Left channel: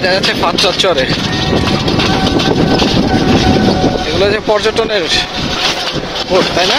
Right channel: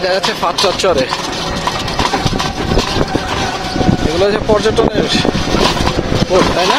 এটা হচ্ছে ফাতরার চরে, এগুলো হচ্ছে পর্যটনের স্পট, তাই না?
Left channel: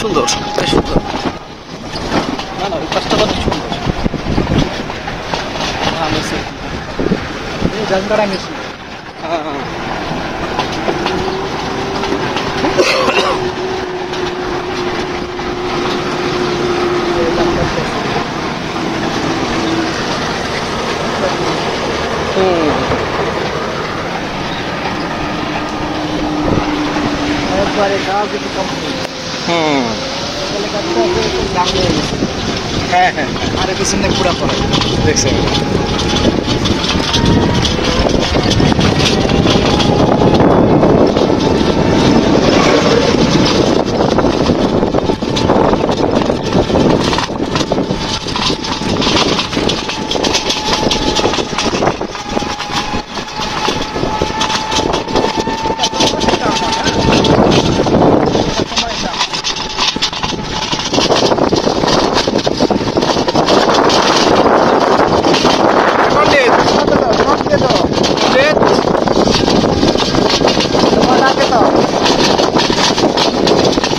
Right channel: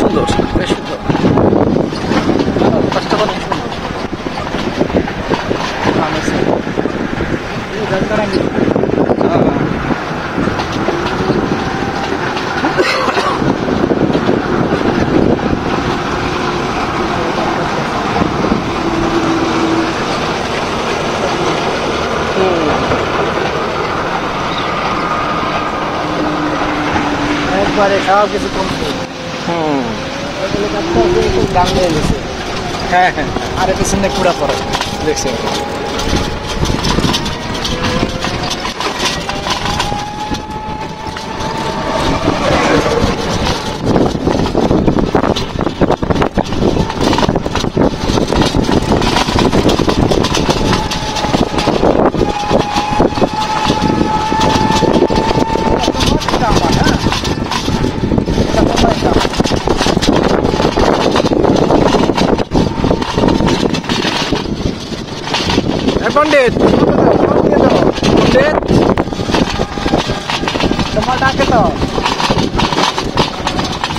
সুন্দর, সুন্দর, কাজটা অনেক সুন্দর। একবারে খাওয়া কিছু কম হ্যাঁ হ্যাঁ, আরে পিছনে পুরা পড়ে দেখছেন।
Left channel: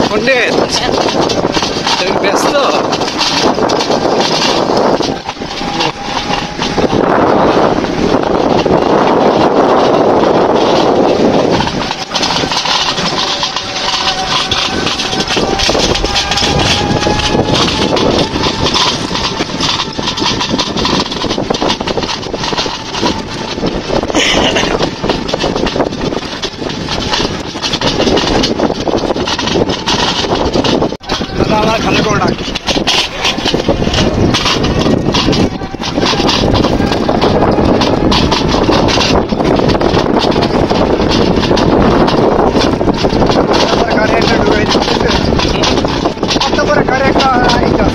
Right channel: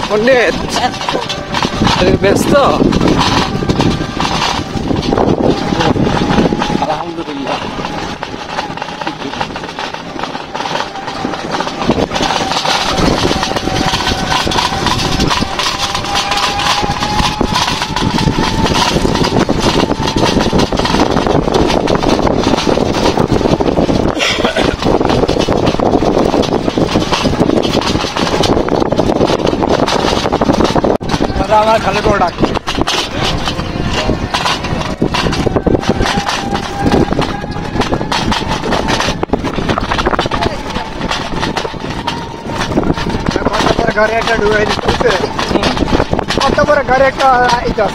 পণ্ডিত তুমি ব্যস্ত? আমার খালি প্রোডাক্ট গাড়ি একটা ঢুকাই দিচ্ছে, কত করে গাড়ি একটা এইটা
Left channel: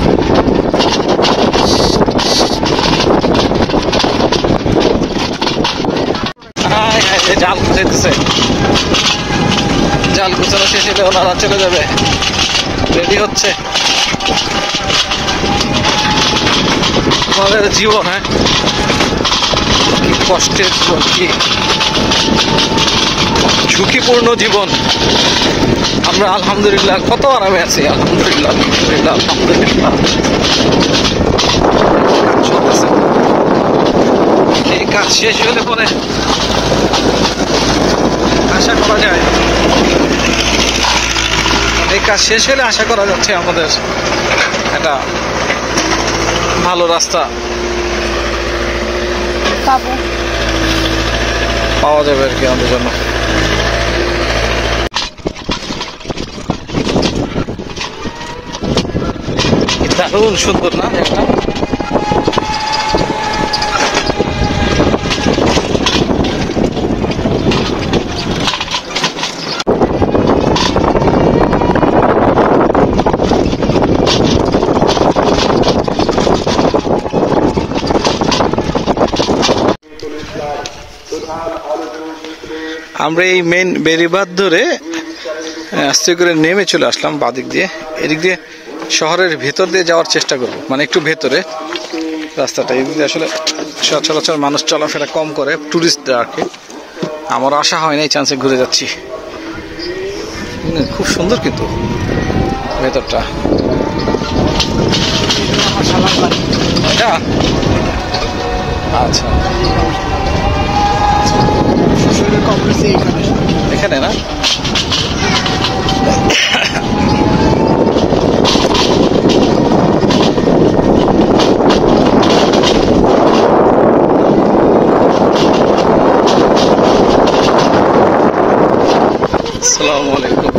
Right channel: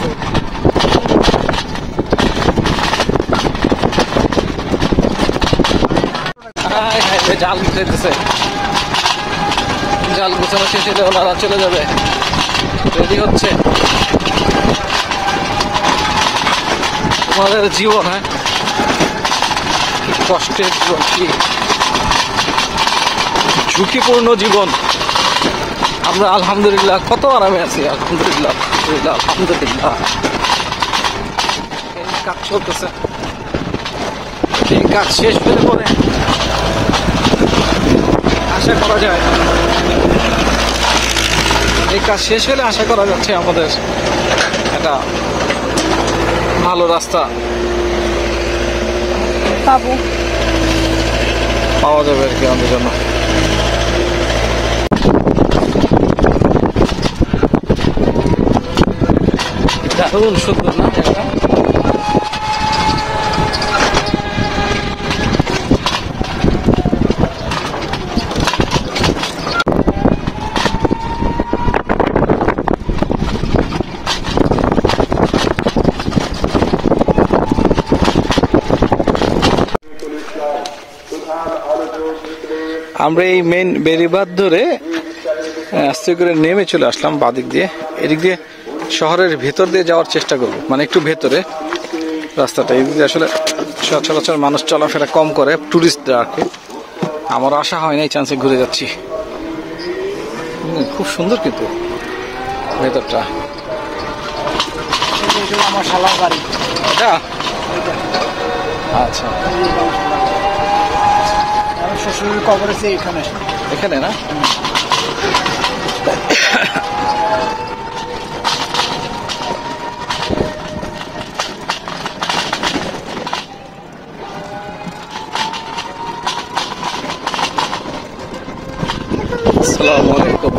জাল গুছাইতেছে, জাল গুছানো শেষ হলে ওনারা চলে যাবে, রেডি হচ্ছে। তোমাদের জীবন, হ্যাঁ, কি কষ্টের জীবন, কি ঝুঁকিপূর্ণ জীবন। আমরা আলহামদুলিল্লাহ কত আরামে আছি, আলহামদুলিল্লাহ আলহামদুলিল্লাহ আলহামদুলিল্লাহ। এই কাজ শেষ হলে পরে আশা করা যায়, এই কাজ শেষ হলে আশা করা যাচ্ছে আমাদের একটা ভালো রাস্তা পাওয়া যাবে আর কি আমাদের জন্য। দারুণ সুন্দর না? আমরা এই মেন বেরিবাদ ধরে আস্তে করে নেমে চলে আসলাম বাদিক দিয়ে, এদিক দিয়ে শহরের ভেতর দিয়ে যাওয়ার চেষ্টা করব, মানে একটু ভেতরে রাস্তাটা, এদিক দিয়ে আসলে সচরাচর মানুষ চলাফেরা কম করে, টুরিস্টরা আর কি। আমার আশা হয় না, এই চান্সে ঘুরে যাচ্ছি। খুব সুন্দর কিন্তু ভেতরটা, এটা আচ্ছা এখানে না? আসসালামু আলাইকুম।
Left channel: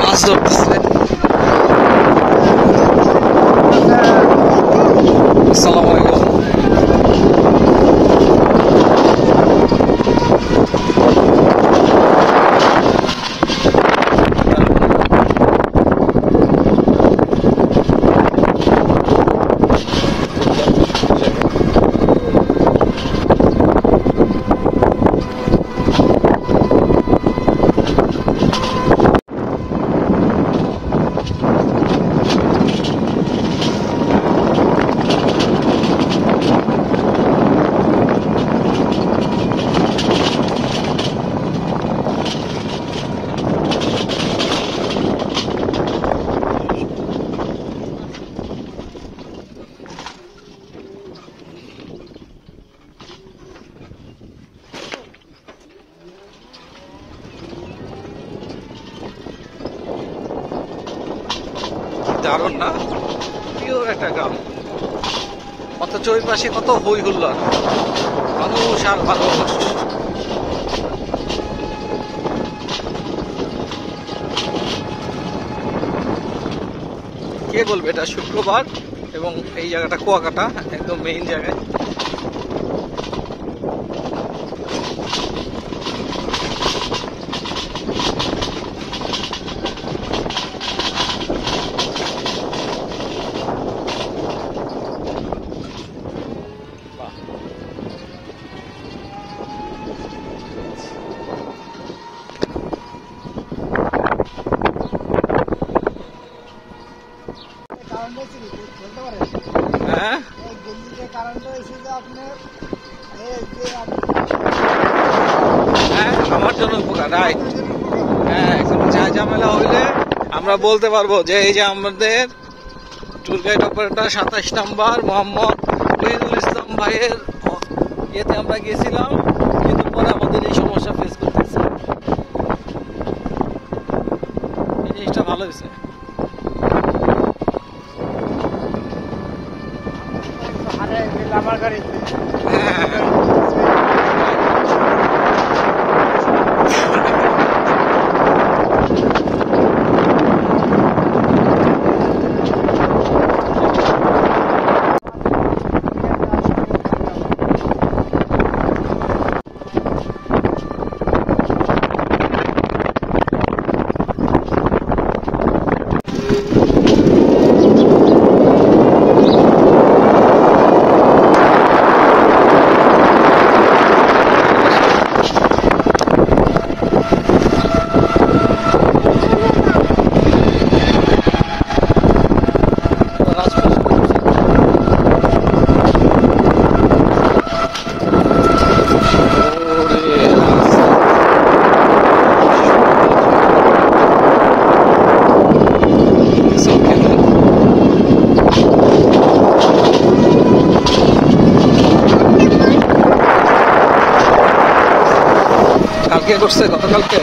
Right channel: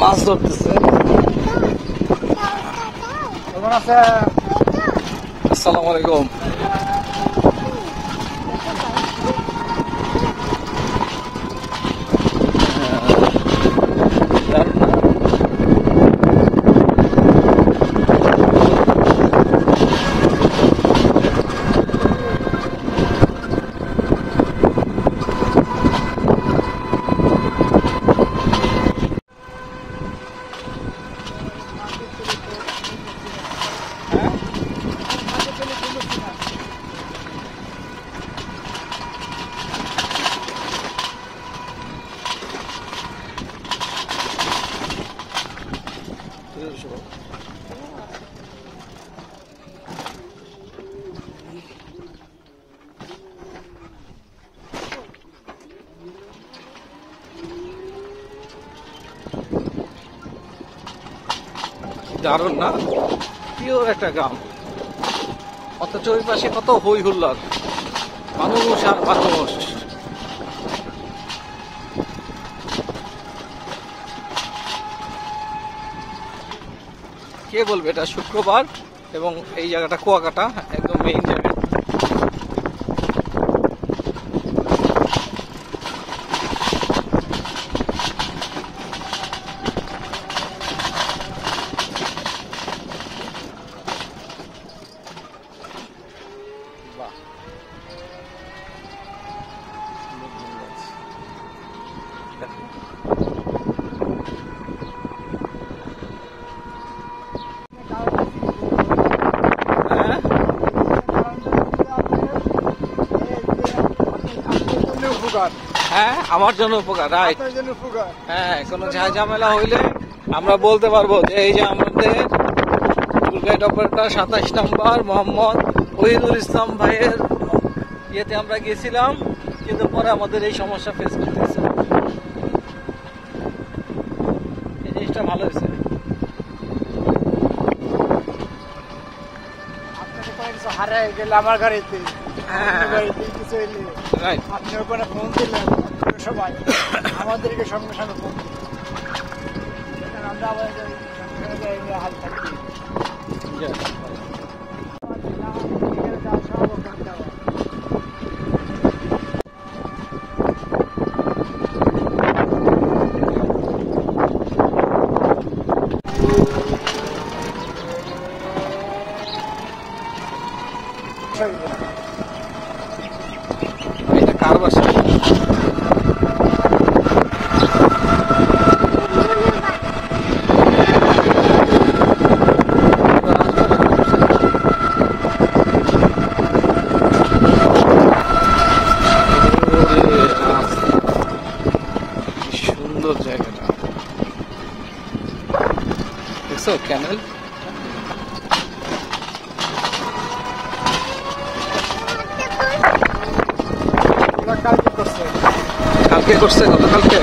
মাছ ধরতেছে। আসসালামু আলাইকুম। দারুণ না, পিওর একটা গ্রাম, অথচ ওই পাশে কত হই হুল্লার, মানুষ আর মানুষ। কে বলবে এটা শুক্রবার এবং এই জায়গাটা কুয়াকাটা, একদম মেইন জায়গা। হ্যাঁ, হ্যাঁ, আমার জন্য উপকার, রাইট। হ্যাঁ, কোনো ঝামেলা হইলে আমরা বলতে পারবো যে এই যে আমাদের ট্যুর গাইড অপারেটর 27 নম্বর মোহাম্মদ ওহিদুল ইসলাম ভাইয়ের ইয়েতে আমরা গেছিলাম, কিন্তু পরে আমাদের এই সমস্যা ফেস করতেছে। এই জিনিসটা ভালো হয়েছে। আমার গাড়িতে হ্যাঁ, রাইট। কালকে করছে, গতকালকে।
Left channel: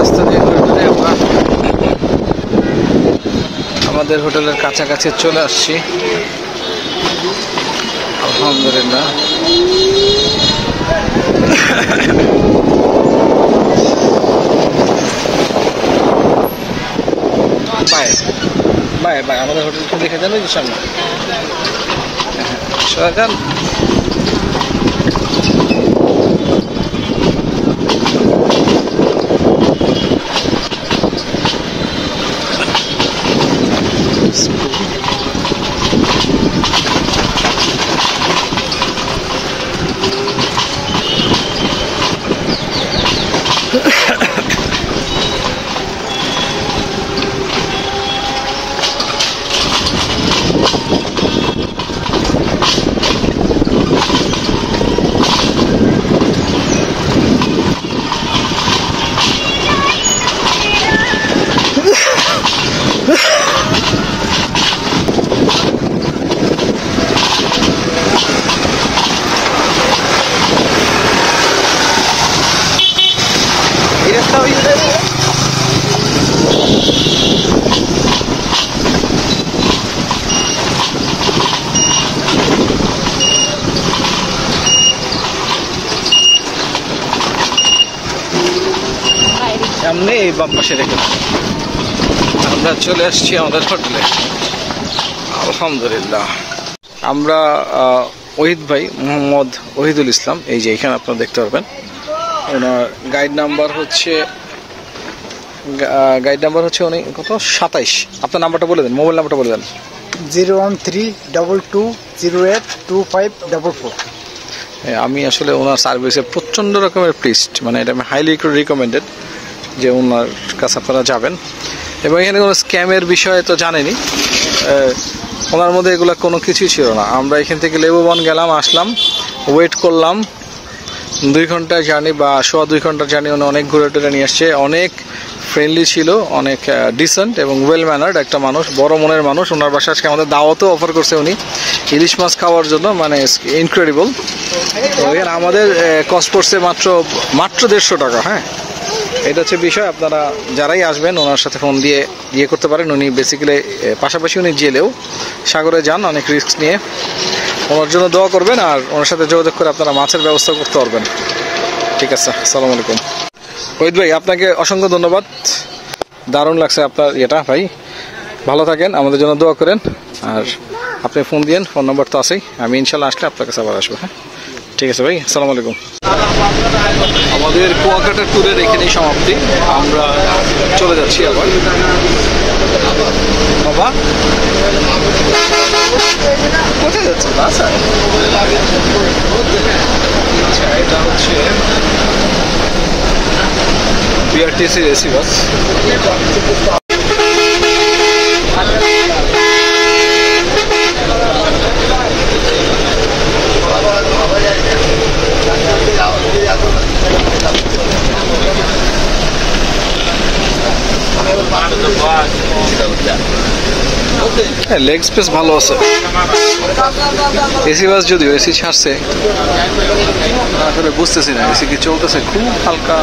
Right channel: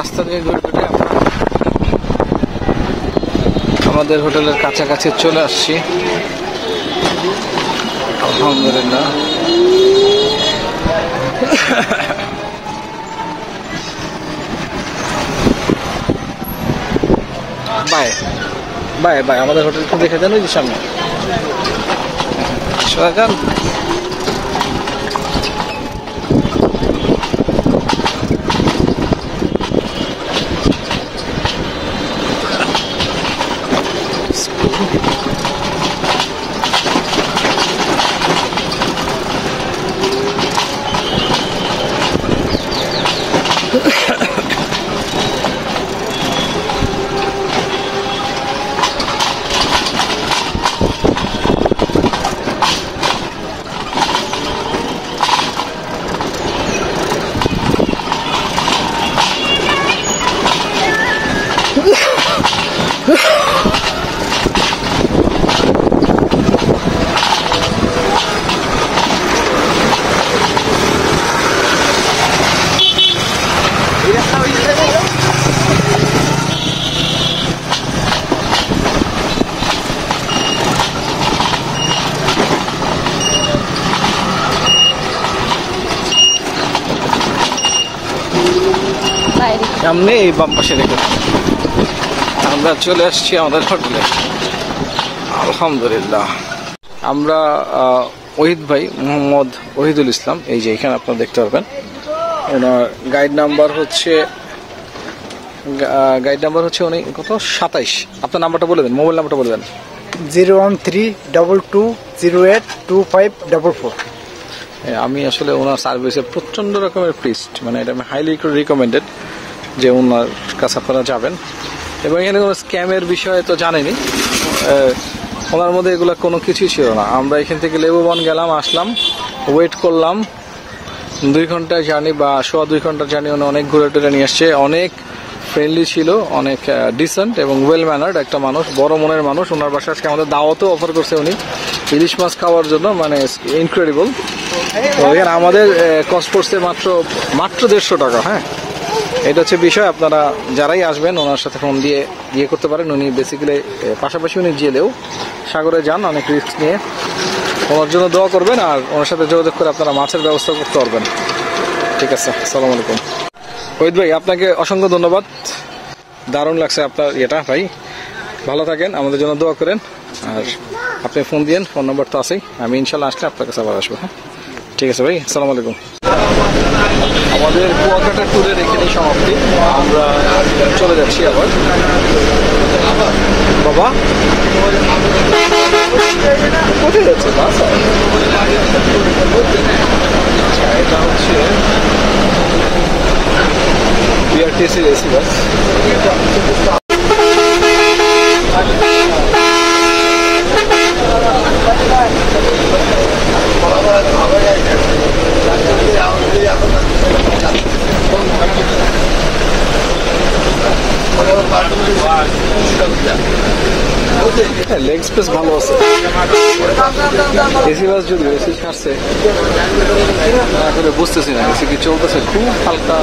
রাস্তা দিয়ে ঘুরে ঘুরে আমরা আমাদের হোটেলের কাছাকাছি চলে আসছি, আলহামদুলিল্লাহ। বাই বাই বাই, আমাদের হোটেলটা দেখে যান, ওই যে সামনে যান। সামনে এই বাম পাশে রেখে আমরা চলে আসছি আমাদের হোটেলে, আলহামদুলিল্লাহ। আমরা ওহিদ ভাই, মোহাম্মদ ওহিদুল ইসলাম, এই যে এখানে আপনারা দেখতে পারবেন, ওনার গাইড নাম্বার হচ্ছে গাইড নাম্বার হচ্ছে উনি কত 27। আপনার নাম্বারটা বলে দেন, মোবাইল নাম্বারটা বলে দেন। 01322282544। আমি আসলে ওনার সার্ভিসে প্রচণ্ড রকমের প্লিজড, মানে এটা আমি হাইলি রিকমেন্ডেড যে ওনার কাছে আপনারা যাবেন। এবং এখানে কোনো স্ক্যামের বিষয়ে তো জানেনি, ওনার মধ্যে এগুলো কোনো কিছুই ছিল না। আমরা এখান থেকে লেবুবন গেলাম, আসলাম, ওয়েট করলাম 2 ঘন্টার জার্নি বা 1.25 ঘন্টার জার্নি। উনি অনেক ঘুরে টুরে নিয়ে আসছে, অনেক ফ্রেন্ডলি ছিল, অনেক ডিসেন্ট এবং ওয়েল ম্যানার্ড একটা মানুষ, বড় মনের মানুষ। ওনার বাসায় আজকে আমাদের দাওয়াতও অফার করছে উনি ইলিশ মাছ খাওয়ার জন্য, মানে ইনক্রেডিবল। তো এখানে আমাদের কস্ট পড়ছে মাত্র 150 টাকা। হ্যাঁ, এটা হচ্ছে বিষয়। আপনারা যারাই আসবেন ওনার সাথে ফোন দিয়ে করতে পারেন। উনি বেসিক্যালি পাশাপাশি উনি জেলেও সাগরে যান অনেক রিস্ক নিয়ে। ওনার জন্য দোয়া করবেন আর ওনার সাথে যোগাযোগ করে আপনারা মাছের ব্যবস্থা করতে পারবেন। ঠিক আছে, আসসালামু আলাইকুম। ওহিদ ভাই, আপনাকে অসংখ্য ধন্যবাদ, দারুণ লাগছে আপনার ইয়েটা ভাই। ভালো থাকেন, আমাদের জন্য দোয়া করেন। আর আপনি ফোন দিয়েন, ফোন নম্বর তো আছেই। আমি ইনশাল্লাহ আসলে আপনার কাছে আবার আসবো। হ্যাঁ, ঠিক আছে ভাই, আসসালামু আলাইকুম। আমাদের কুয়াকাটা ট্যুরের এখানেই সমাপ্তি। আমরা চলে যাচ্ছি আবার। বাবা কোথায় যাচ্ছে বাস? আচ্ছা, এটা হচ্ছে বিআরটিসির এসি বাস। হ্যাঁ, লেগ স্পেস ভালো আছে। এসি বাস যদিও এসি ছাড়ছে, আসলে বুঝতেছি না এসি কি চলতেছে, খুব হালকা।